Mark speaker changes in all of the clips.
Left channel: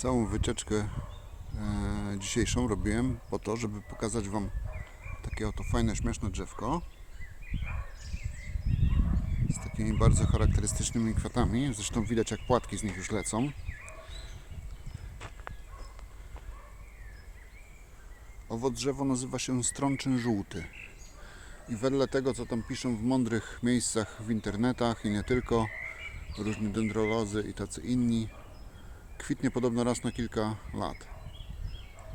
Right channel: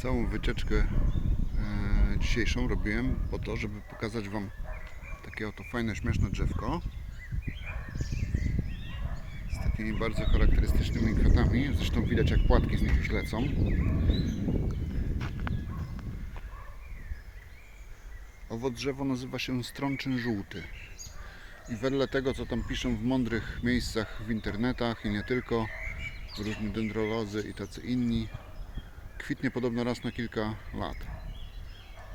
Speaker 1: Całą wycieczkę e, dzisiejszą robiłem po to, żeby pokazać Wam takie oto fajne, śmieszne drzewko z takimi bardzo charakterystycznymi kwiatami. Zresztą widać jak płatki z nich już lecą. Owo drzewo nazywa się strączyn żółty. I wedle tego, co tam piszą w mądrych miejscach w internetach i nie tylko, różni dendrolodzy i tacy inni, kwitnie podobno raz na kilka lat.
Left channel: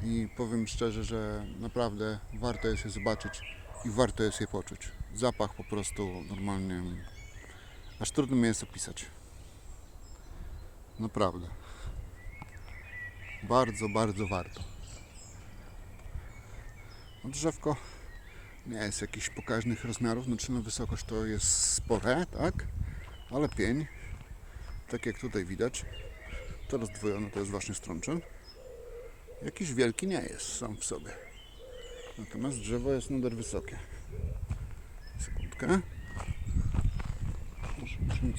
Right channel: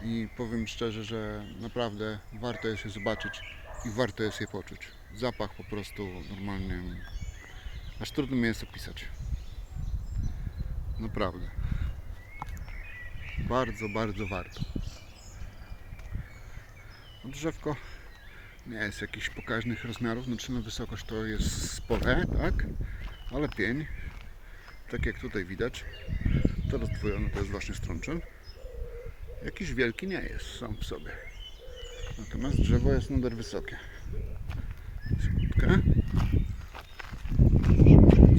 Speaker 1: I powiem szczerze, że naprawdę warto jest je zobaczyć i warto jest je poczuć. Zapach po prostu normalnie, aż trudno mi jest opisać. Naprawdę. Bardzo, bardzo warto. No drzewko nie jest jakichś pokaźnych rozmiarów, znaczy na wysokość to jest spore, tak? Ale pień, tak jak tutaj widać, to rozdwojone to jest właśnie strączyn. Jakiś wielki nie jest sam w sobie. Natomiast drzewo jest nader wysokie. Sekundkę.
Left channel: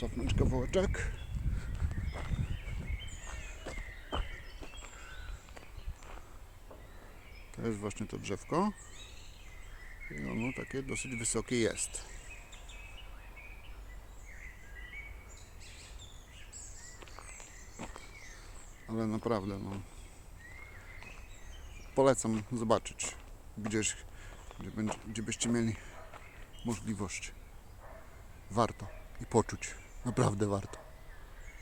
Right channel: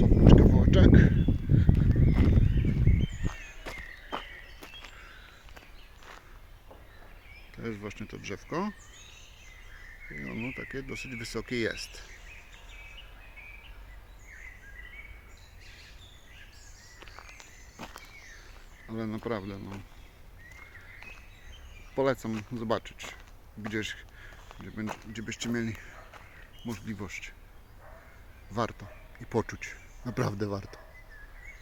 Speaker 1: Cofnąć kawałeczek. To jest właśnie to drzewko. I ono takie dosyć wysokie jest. Ale naprawdę, no. Polecam zobaczyć gdzieś, gdzie, będzie, gdzie byście mieli możliwość. Warto i poczuć. Naprawdę warto.